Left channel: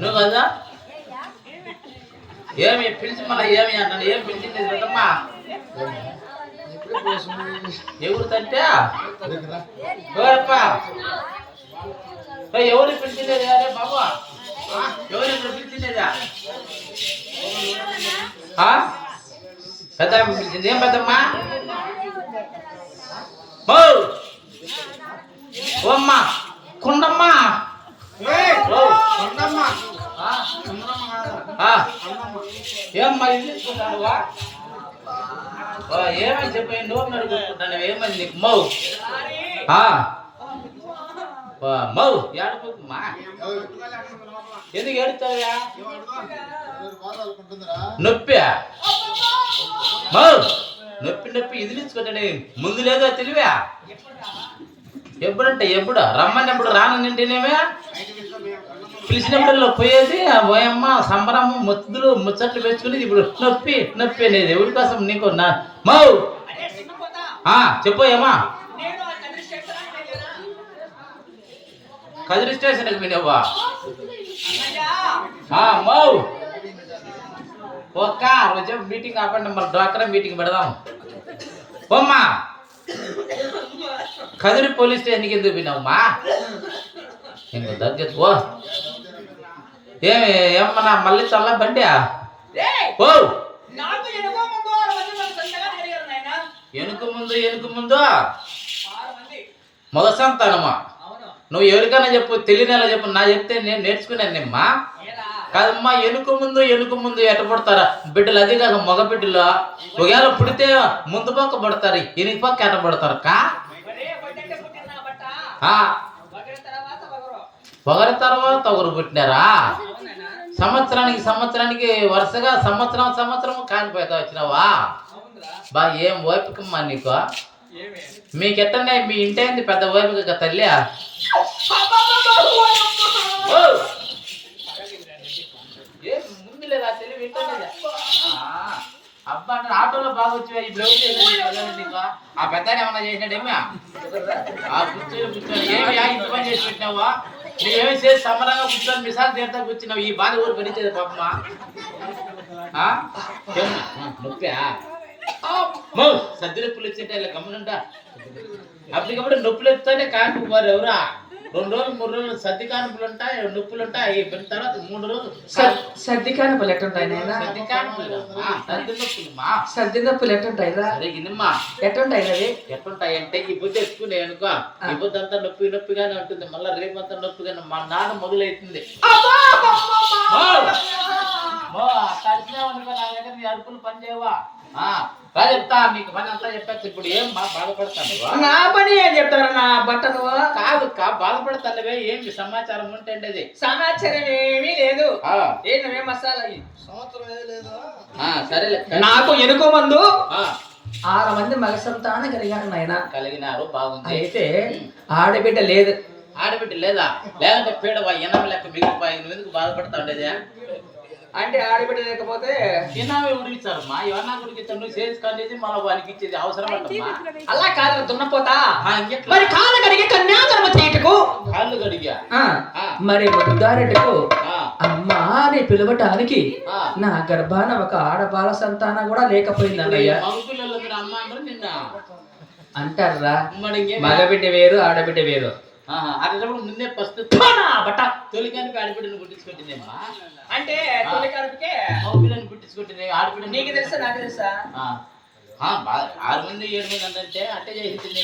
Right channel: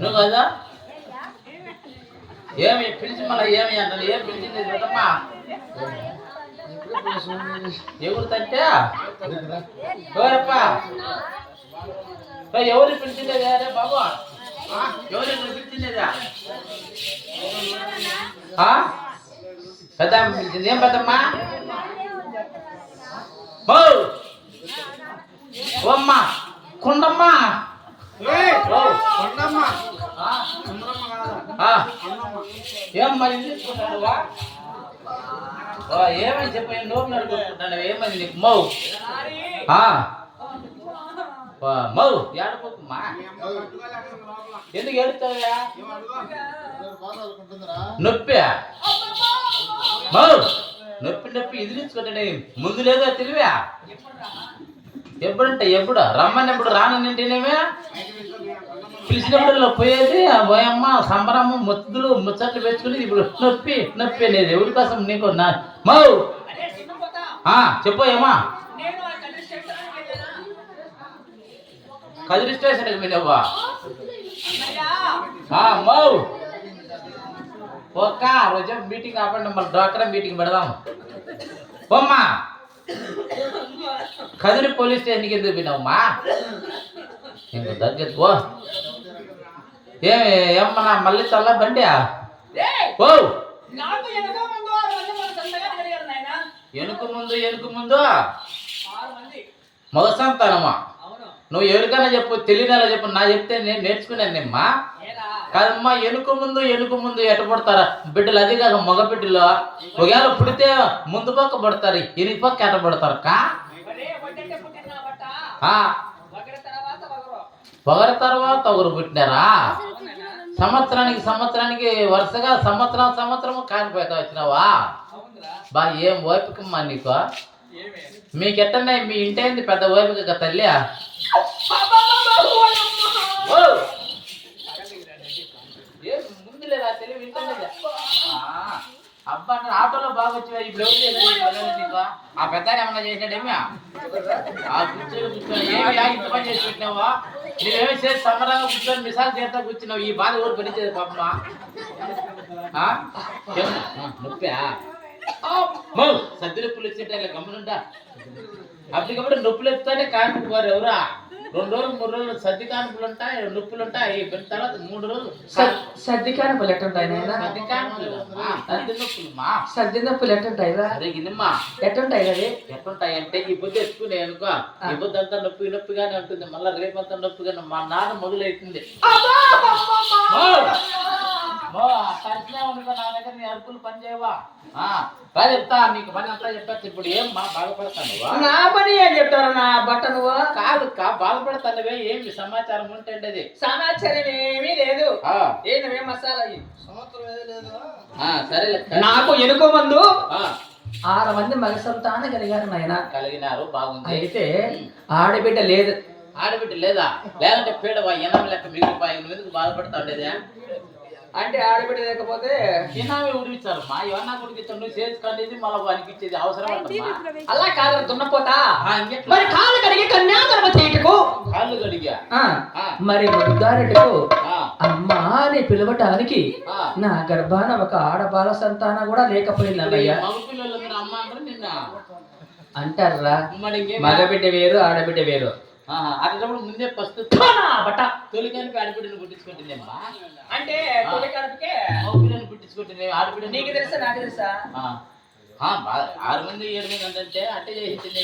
నువ్వు కదా ఏమి పిలిచి మళ్ళీ ఏమి అంటాను ఏం పిలిచింది కదమ్మా ఎవరు తంటే ఎవరు పిలిచిండేదా అరే బాబు ఎవరు ఇక్కడ పిలిచిండేదా పెద్ద పిలిచింది ఏం పెద్దమ్మా ఓ అమ్మా కొండమ్మా ఏమ్మా ఇల్లుకుంటానువా ఏమని చెప్పి నోపు నడుకుంటున్నాను ఏమని నీకు మౌ మౌ ఏడుకోకుమ్మా ఎందుకు ఏడుతావా నొప్పి మౌ నొప్పి నొప్పి ఇదిలించుకుంటానే ముందు లేదో తెలివా ఎప్పుడంటే ఎప్పుడు రమ్మన్నప్పుడు రానంటేనేమే పిలిచినప్పుడు పోయేది పోయమ్మ సంబరమ్మ ముద్దులు ముచ్చట్లు పెంచుకుని ఇప్పుడు నొప్పి నొప్పి అనేది ఎవరి కోసం నీకు నా మౌ చెప్పోయమ్మా కదిరి స్టేషన్కి మీనవ్వా మౌ ఒక్క రోజు మీటింగ్ ఆపండి మళ్ళీ డాక్టర్ మీటింగ్ పెడదాం పోమ్మా కదిరి పోలీస్ స్టేషన్కి ఎందుకు పోయినావమ్మా ఇంకో దగ్గర పో ఏమన్నా మళ్ళీ చల్ల బండి ఓ ఎనుకు ముందు మగ సంతానమా నువ్వు ఎవరికైనా చెప్పు తెలియనేలా చెప్పు నా చెప్తే నేను నేర్చుకున్నానమ్మా కాదమ్మా ఎనుకు ముందు ఎట్ట పడతారా బిడ్డలు అది కాక మగ బిడ్డలు ఒకవేళ పుడితే ముందు పక్క పడతారు ఎనికి పక్క ఎట్ట పడతారు ఒకరి తర్వాత ఒకరు పుట్టినారా సంవత్సరానికి వరుసగా సంవత్సరం కానిపోతా వచ్చినావా బా ఏం ఓపికమ్మా నీకు మీకెట్టనే మీ ఇంటి అయింది పెద్ద ఓపిక తల్లి ముందు లేదా తెలివి ఇంటనే అబ్బా ఆటోలో బాగా వచ్చి ఇప్పుడు నీకు ఆ పెద్ద ఏమన్నా చేసినాడేమి కూర్చొని ఏమి ఇంత పని చేసి పెట్టినావా నువ్వేమి చేసి సమరంగా కూర్చొని మిసాలు తీరుతా కూర్చున్నావు ఈ బాధ ఊరు పనిచేది పాపమ్మా నొప్పా సద్ది నొప్పులు వచ్చింటే ఇలా గమనుంటా అప్పటికప్పుడు నొప్పులు ఎత్తుతానే కానుపు పోరు ఎవరా 2 రోజులు 3 రోజులు సర్ది కానుపులు ఉంటాయి నొప్పులు ఉంటాయి తర్వాత 3 రోజులు సర్ది కానుపులు ఎట్టుంటాయి సర్ది కానుపులు సర్ది నొప్పులు సర్ది నొప్పులు ఎట్టుంటాయి సరిగినమ్మా ఎట్టుంటాయి అవి ఎట్టుంటాయి అంటే ఈ పొద్దు ఎత్తుకునే అనుకో ఈ పొద్దు అంతా నొప్పిగానే ఉంటుంది మళ్ళీ రేపంతా నొప్పిగానే మా నాన్న మొదలవుతుంది తడిచినావనుకో నా దగ్గర నీ అరుపులు పని చేయవా చెప్తా నీకు పని అంతా చెప్పచ్చు ఇప్పుడు ఏం బాధపడతాను నా పని ఏం చెప్తాను నా బట్ట నువ్వు కాదు బాధపడతానువే ఏమి సమాచారం ఉంటేది సమాచారం ఏమీ లేదు ఏ మసాలా సరేలే నాకు ఎనుకో మందు 6 మంది మగ సంతానం కలిగారు నాయన కలిగినారు బాగుంది అయితే ఆడబిడ్డ లేదు ఆడబిడ్డ లేదా లేదంటే పీడవా ఎనం లెక్క మిగిలిపోయి నువ్వు ఎందుకు బాధపడతా ఉండేది అంటే ఆడబిడ్డ లేకపోతే తిన్నావే ఉడికిచ్చారమ్మా ఎవరన్నా ఉడికిచ్చారు నువ్వు చేసుకునేది మళ్ళీ వానికి ఇచ్చేది అవసరం అంటమ్మా అలా కాదు దున్నపోతా మరి కాళ్ళు కడిగి కన్యాగర్భ చేయటకు కాళ్ళు కడిగా మరి ముద్దారెడ్డికు అమ్మా అని పిలవటానికి నా గర్భాన ఒక ఆడబాల సంతానం కూడా లేకపోయింది అన్నయ్య మగపిల్లలు అమ్మ అంటారు నిన్న అంటారా మగబిడ్డ వేరు ఆడబిడ్డ వేరు అట్లప్పుడు ముందే ఫస్ట్ బట్ట తొలికానికి ఆడబిడ్డను పుట్టించుకుంటుందమ్మా అంటే తొలికానికి మగపిల్లని పుట్టించుకుంటుంది ఆడబిడ్డ నీకు తెలుసా నాకు తెలుసా 6 మంది 7 మంది అంటే అట్టే చేసింది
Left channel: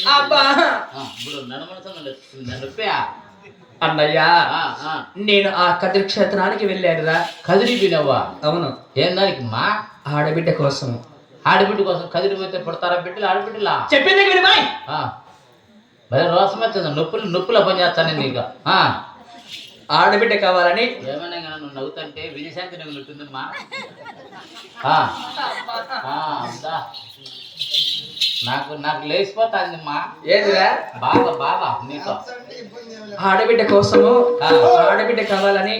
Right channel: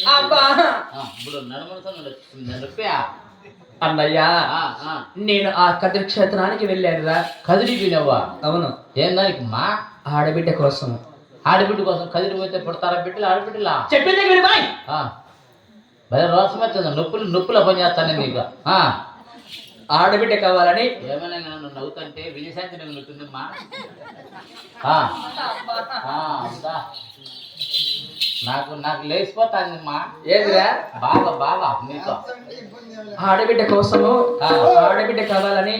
ఇప్పుడు నడుమనసా అన్నయ్యా నేను ఆ కదిరి క్షేత్రానికి వెళ్ళానురా కదిరి వినవ్వా అవును ఏం దానికి మా ఆడబిడ్డ కోసం కదిరి పోతే పుడతారా బిడ్డలు ఆడబిడ్డలా చెప్పింది వినిమాయ్ భలే రోసం వచ్చింది నొప్పులు పని చేస్తాను నీకు ఆడబిడ్డ కావాలని ఏమైనా నన్ను నవ్వుతుంటే విజయశాంతి నవ్వు నొట్టుందమ్మా నాకు లేచిపోతాందమ్మా ఏదిరా బాగా నీకు ఆడబిడ్డ కోసము ఆడబిడ్డ కావాలని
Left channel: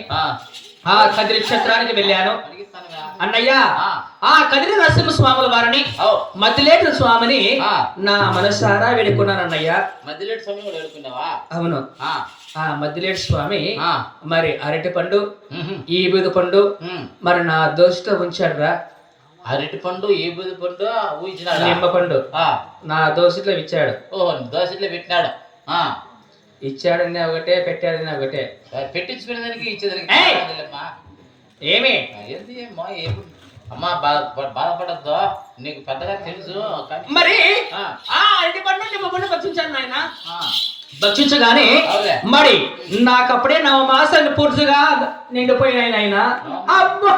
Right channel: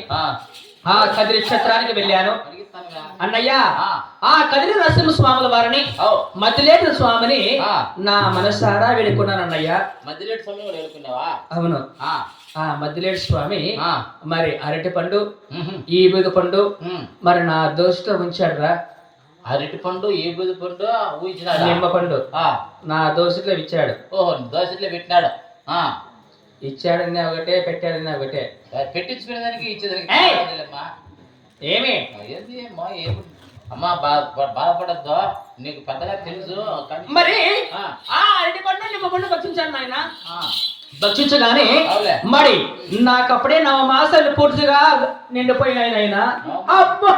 కదిరి క్షేత్రానికి వెళ్ళాను అన్నయ్య ఆ కదిరి నరసింహస్వాముల వారిని మధ్యలేటి స్వామిని నా మనసారా వేడుకున్నాను అన్నయ్య మధ్యలేటి స్వామి వేడుకున్నావా అవును ఆ మద్దిలేడు స్వామి ఆ. మరి అరటి పండు ఉహు. ఈ బూది పండు ఉమ్. మరి నా దోశతో ఉంచాడు రా. అరటి పండు ఈ బుద్ధి పండు ఊహించినాడు. నిమ్మ పండు నా దోశలో ఇచ్చాడు. ఓహో దోశలో పెట్టినాడు. ఆ ఇచ్చాడని ఒకటే పెట్టాడని ఒకటే. పెట్టించుకునే దానికి ఇచ్చేదానికి ఏయ్! కాదులేమ్మా. ఏమి ఏంది అమ్మా ఏమి అమ్మా బాధపడద్దు, నీకు పెద్దగా తెలుసు కానీ మరి ఆ, ఆ అరటి పండు నిమ్మ పండు భక్షించాను ఆయన. ఆ, భక్షించగానే అవులే. మరి నాకప్పుడే 9 మాసాలు పూర్తిగా నిండిపోయినాయి ఆయన. అబ్బా